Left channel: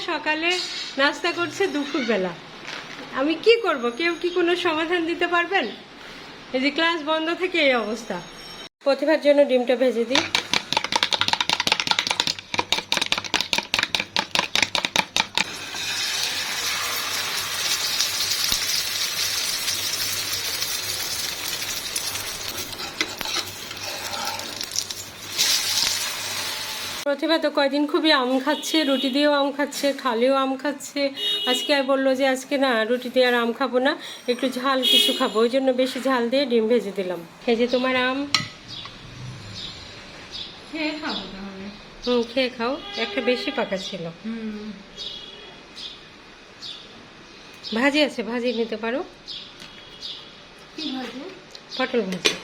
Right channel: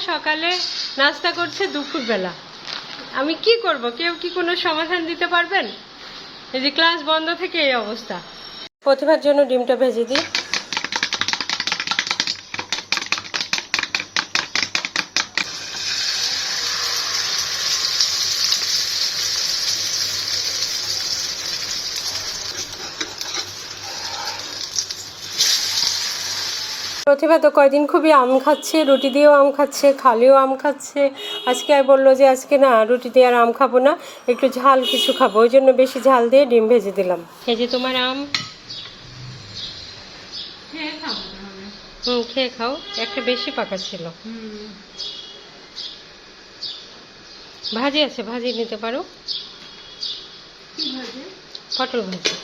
সকালে নাস্তা করছে দুপুরবেলা। আমি কি করব? কেউ কি কোনো সমাধান দিতে পারবেন? এই যে ক্লাস বন্ধ থেকে এই অবস্থা। প্রতিভার জন্য ডিমটা ভেজে দিই। প্রতিভা তো কয়দিন খুবই আম খাচ্ছে রুটি দিয়েও আম খাচ্ছে খালিও আম খাচ্ছে। আজকে আর বলল যে আজকে না রুটি দিয়ে আর আম খাব না একটু ঝাল কিছু খাব। ওই জন্য বেশি ঝাল দিয়ে ডিম ভেজে দিলাম। এই যে তোমার আম। খেয়ে হুম খেয়ে খাও। একটা বেশি পাকা ছিল। ভাজি আছে ভাজি নিতে পারো। পটল ভাজি।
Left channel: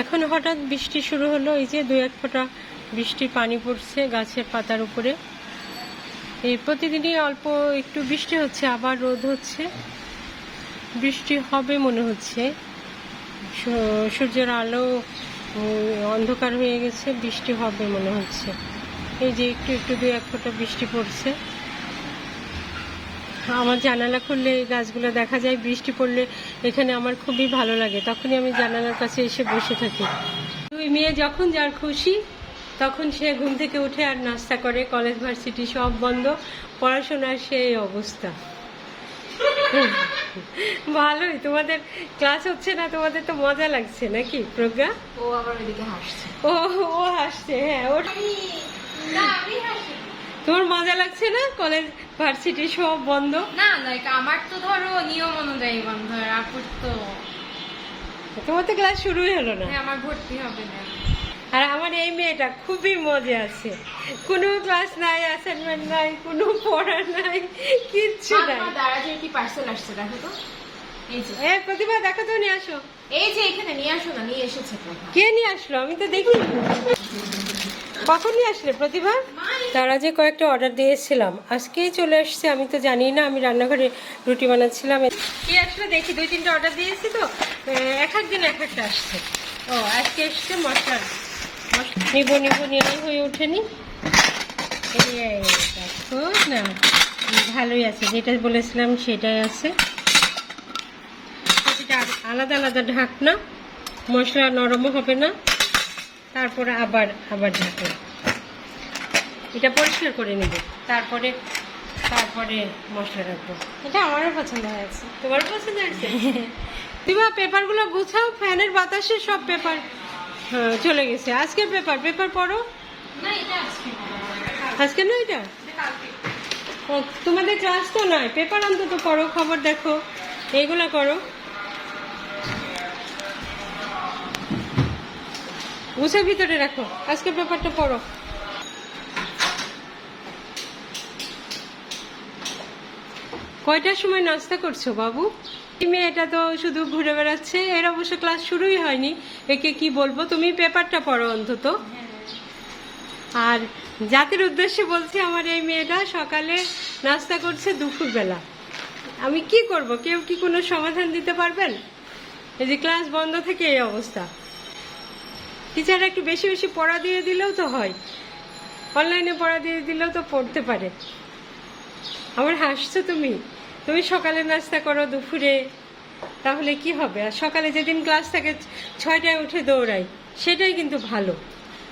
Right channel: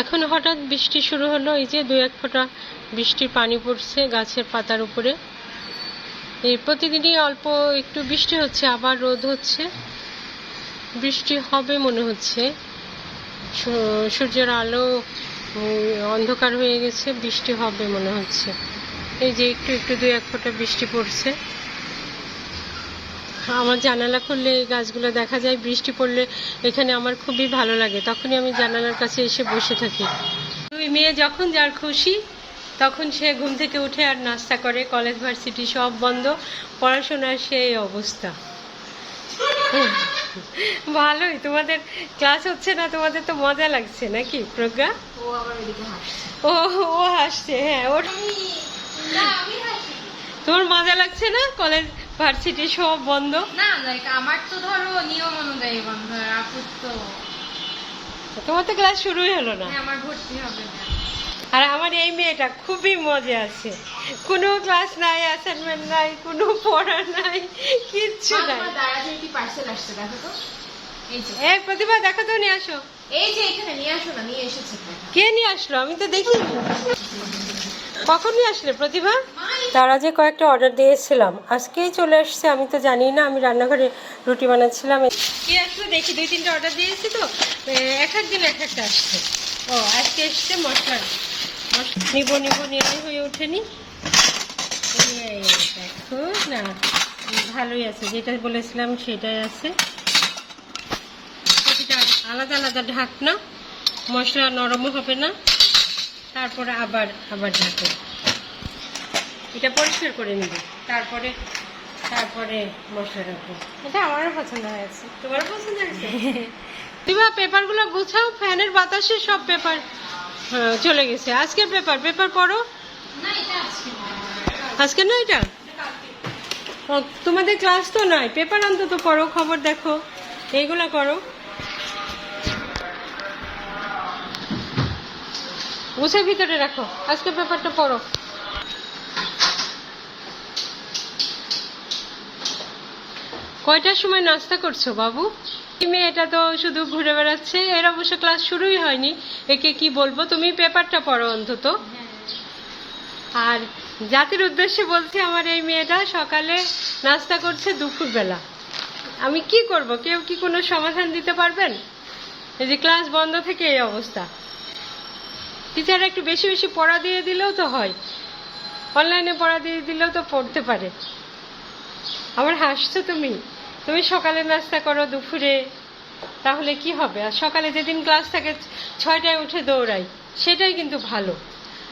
এখন হঠাৎ বৃষ্টি শুরু হলো, এই যে দু এক ফোঁটা বৃষ্টির পানি পড়ছে গাছের পাতার উপরে। এই প্রতিদিনই অল্প একটু বৃষ্টি হচ্ছে, আবার রোদ হচ্ছে। বৃষ্টি হবে মনে হচ্ছে। সূর্যের আলো অন্ধকার হয়ে গেছে, বৃষ্টি হবে মনে হচ্ছে। এই যে একটু একটু দুই এক ফোঁটা বৃষ্টি পড়ছে। আমার জানালা খুললে এই গাছগুলো দেখা যায় বৃষ্টি পড়লে এখানে আমার খুবই ভালো লাগে। তখনই আমি জানালার কাছে এসে বসে থাকি। দুই মেয়ে যখন যার খুশি তখন সে ঘুম থেকে উঠে আর নাস্তা করে। কলেজ ভার্সিটি সব বন্ধ। পড়াশোনার সেই অবস্থা। ভালোই। তোমাদের ক্লাস হচ্ছে না? তোমাদের তো মজা লাগছে নাকি প্রজ্ঞা? ও আবার ওইদিকে হাসছে। ও ও হাসছে হ্যাঁ ওর তোমার মজা লাগছে না কলেজ ভার্সিটি সব বন্ধ? না না এটা আমার তো ধরো নিয়ম অনুযায়ী বন্ধ আপুর তো তোমার তো ক্লাস শুরুই হলো না। হ্যাঁ, আমার ভর্তি হবে না। আর আমার এই মেয়েটা খুবই মজা আছে। কোনো ক্লাস নাই অ্যাসাইনমেন্ট নাই কোনো পড়া নাই কিচ্ছু নাই। দাঁড়াতে পার্সেল আসছে দেখো তো। এই প্রতিভা দেখো তো নিয়ে আসো। এই যে এখানে নিয়ে আসো না নিয়ে এসেছে। কে নিয়ে আসলো? আমি তো দেখি কখন নিয়ে আসলে প্রতিভা? তারা যে কয়েকটা অর্ডার দিয়েছিলাম। আজকেই চলে আসছে, আমি তো জানি না, আমি রান্নাঘরে রুটি বানাচ্ছিলাম। কি আসলে দেখি, দুই তিনটা অর্ডার দিয়েছি তো। এক এক দিন এক একটা আসছে। ও, আজকে এসছে মশলার মশলা নিব নিব নেওয়া হয়ে ওঠেনি দেখো না, ভালোই আছে, যেটা বলেছিলাম সেটাই আছে। আলাদা আলাদা ঢাকনা, মশলা নরমও হবে না। তারপরে আবার আবার ঢাকো এটা পরিষ্কার করে নেব। তারপরে তারপরে মশলা রাখব। এটা আমারও পছন্দ হয়েছে। তোমারও পছন্দ হয়েছে? দিবা পেপারগুলো গুছাও ফ্যানের বাতাসে সব পেপার হ্যাঁ চলে গেছে। আজকের পেপার পেপার পড়ো। না এটা? আছে আজকে না এটা তোমাদের ক্লাস তো নয়। পেপার অন্তত পড়ো খবর দেখো। এইগুলা করো। গুছে ভিতরে রাখো। আজকে পেপারটা পড়ো। কয়টার সময় নাস্তা করছ, বাবু? মেয়েটা তো শুধু ঘুরে বেড়াচ্ছে। এর অবশ্য ক্লাস শুরুই হয়নি। একে কি বলব? তুমি পেপারটা পড়ো অন্তত। আর জাতির উদ্দেশ্যে বলছি, আমার এই মেয়েটা সকালে নাস্তা করছে দুপুরবেলা। আমি কি করব? কেউ কি কোনো সমাধান দিতে পারবেন? এই যে ক্লাস বন্ধ থেকে এই অবস্থা। টিচার একটু বেশি বেশি পড়া দিয়ে দিলেও তো হয়। অনলাইনে পড়া দিয়ে দিলেও তো পড়তে পারে। আমার হাসছো তুমি? তুমি সকালে নাস্তা করো দুপুরে তাহলে কি হবে? আর সকালে যেদিন ক্লাস থাকে ছয়টায় উঠে দৌড়াই সেটাই কিন্তু ভালো।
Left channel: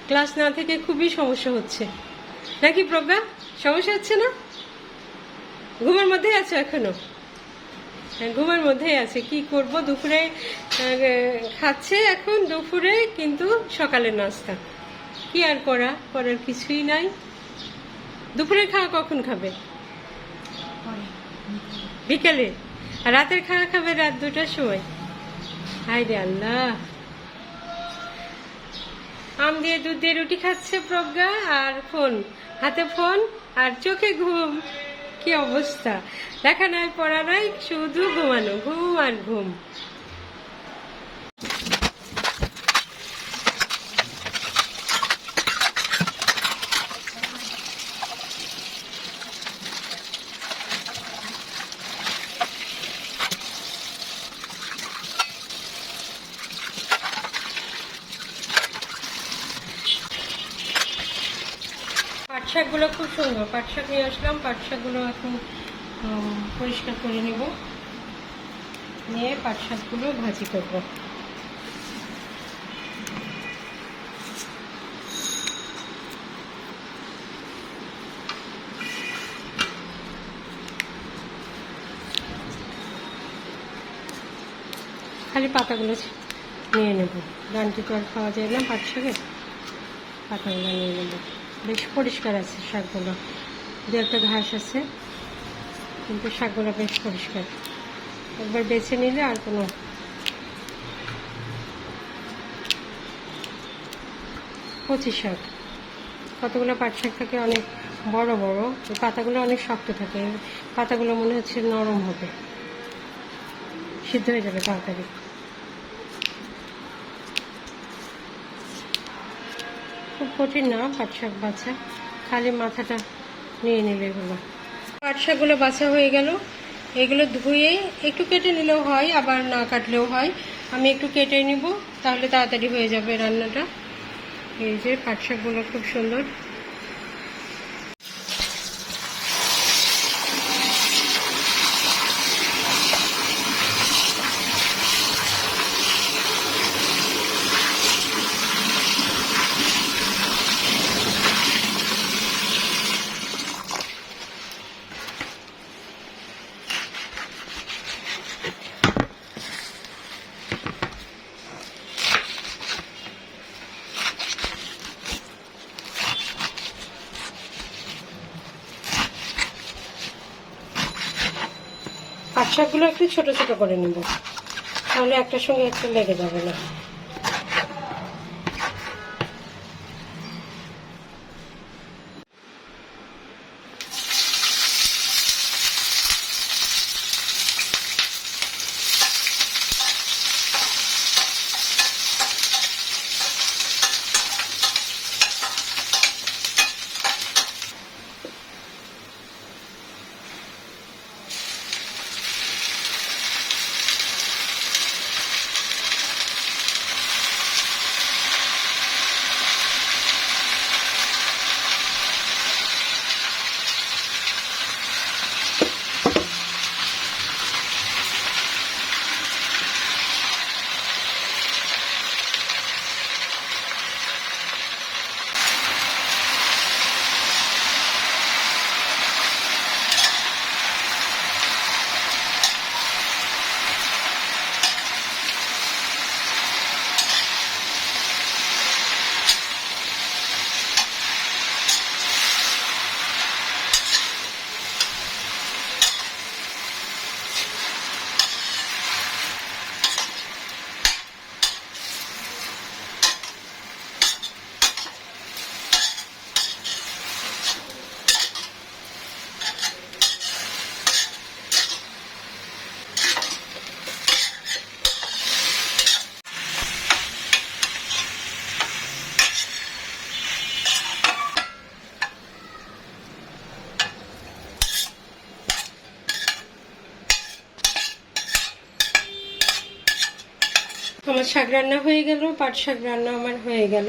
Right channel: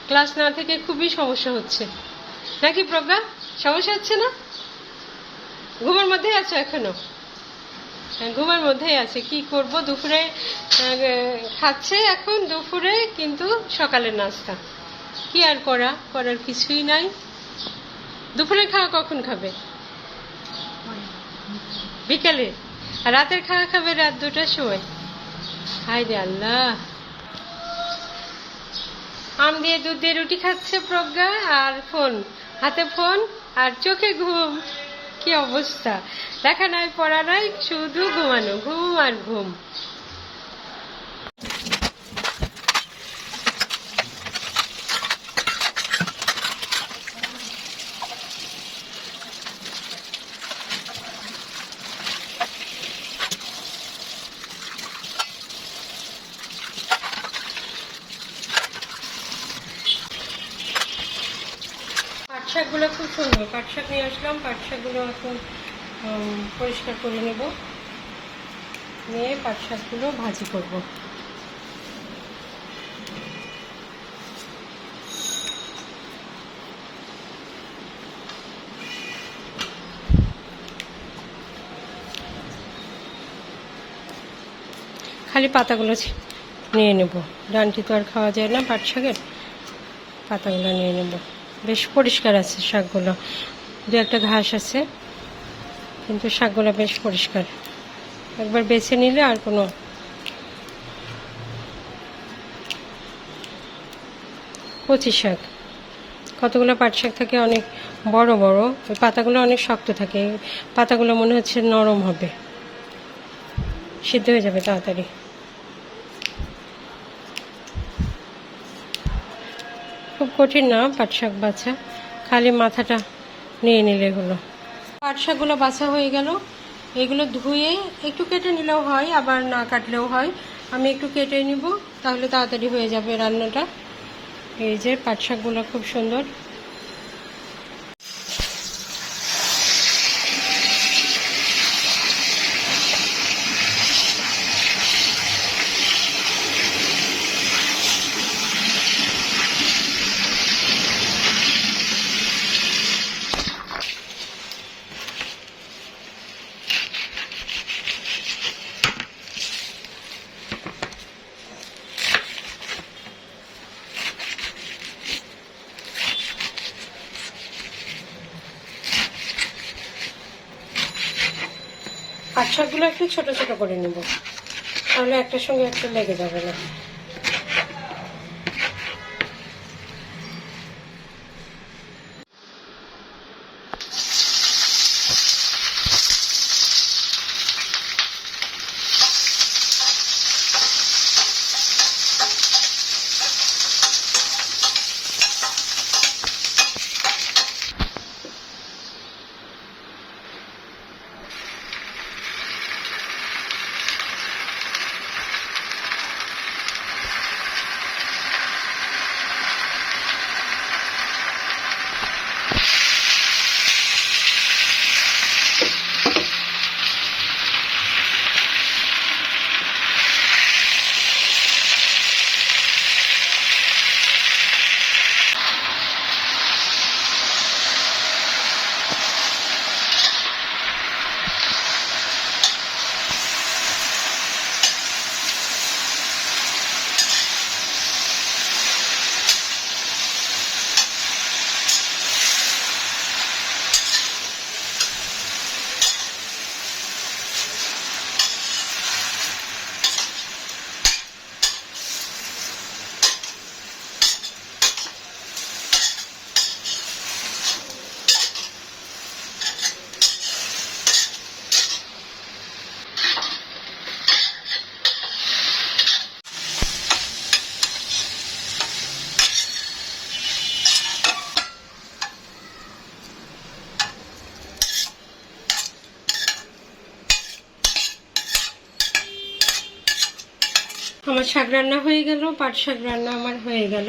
ক্লাস না থেকে খুবই সমস্যা হচ্ছে। নাকি প্রজ্ঞা? সমস্যা হচ্ছে না? ঘুমের মধ্যেই আছে এখনও? হ্যাঁ, ঘুমের মধ্যেই আছে। কি করব? দুপুরে খাচ্ছে এখন দুপুরে কিন্তু সকালের নাস্তা। কি আর করা? করার কিছুই নাই। দুপুরে খাওয়া কখন খাবে। বিকেলে, রাতের খাওয়া খাবে রাত দুটার সময়। হাই রে আল্লাহ। আম দিয়ে দুধ দিয়ে রুটি খাচ্ছে প্রজ্ঞা আর ফোন, হাতে ফোন আর চোখে ঘুম। কি অবস্থা? দেখা নাই, পড়া নাই, শুধু ঘুমানো, ঘুম আর ঘুম। শাকগুলো খুব সুন্দর। পাট শাক নিয়ে আসলাম পাট শাকগুলো এখন পরিষ্কার করে নেব। নিয়ে পাট শাকগুলো ভাজি করব। খালি পাতাগুলো নিয়ে নেব। ডানটি তো আর খাওয়া যায় না পাট শাকের পাতাগুলো নিয়ে নেব। বেশ পরিষ্কার আছে শাকগুলো। দু একটা ঘাস আছে, কিন্তু শাকগুলো বেশ পরিষ্কার। একবার বেছে নিলে আর কোনো কচি শাক। কতগুলো পাট শাক থাকে অনেক বড় বড়, ওই পাতাগুলো অনেক শক্ত থাকে। পাতাগুলো মনে হচ্ছে নরম হবে। সিদ্ধ হয়ে যাবে তাড়াতাড়ি। খুব কঠিন না, পাট শাক বাছা। খালি মাথাটা নিয়ে নিলে এগুলো পাট শাকগুলো বাছা হয়ে গেল। এগুলো ধুয়ে একটু কেটে নিলেও হয়, আবার না কাটলেও হয়। আমি একটু কেটে নিব, তাহলে তাড়াতাড়ি হয়ে যাবে রান্নাটা। এই যে পাট শাকগুলো খুব সুন্দর। শাকগুলো একটু ছোট ছোট করে নেব। তাহলে একটা সঙ্গে একটা লেগে যাবে না। আমার শাক রান্না হয়ে গেল, পাট শাক রান্না আমার হয়ে গেল।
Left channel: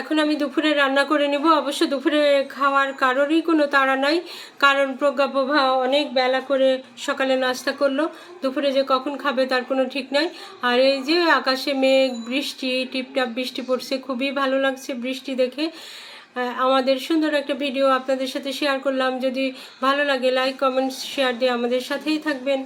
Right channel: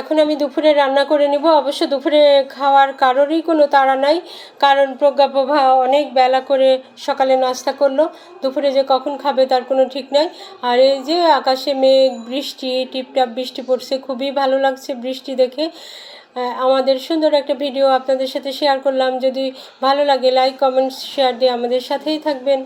এখন আমি দুপুরে রান্না করে নিব। অবশ্য দুপুরে খাওয়ার কারোরই কোনো তাড়া নাই, কারণ প্রজ্ঞাপ্রভা অনেক বেলা করে সকালে নাস্তা করল। দুপুরে যে কখন খাবে তার কোনো ঠিক নাই। আর এই যে আকাশে মেঘ, বৃষ্টি, টিপটাপ বৃষ্টি পড়ছে, খুবই ভালো লাগছে বৃষ্টি দেখে। আমাদের সুন্দর একটা ভিডিও আপনাদের সাথে শেয়ার করলাম। যদি ভালো লাগে লাইক কমেন্টস শেয়ার দিয়ে আমাদের সাথেই থাকবেন।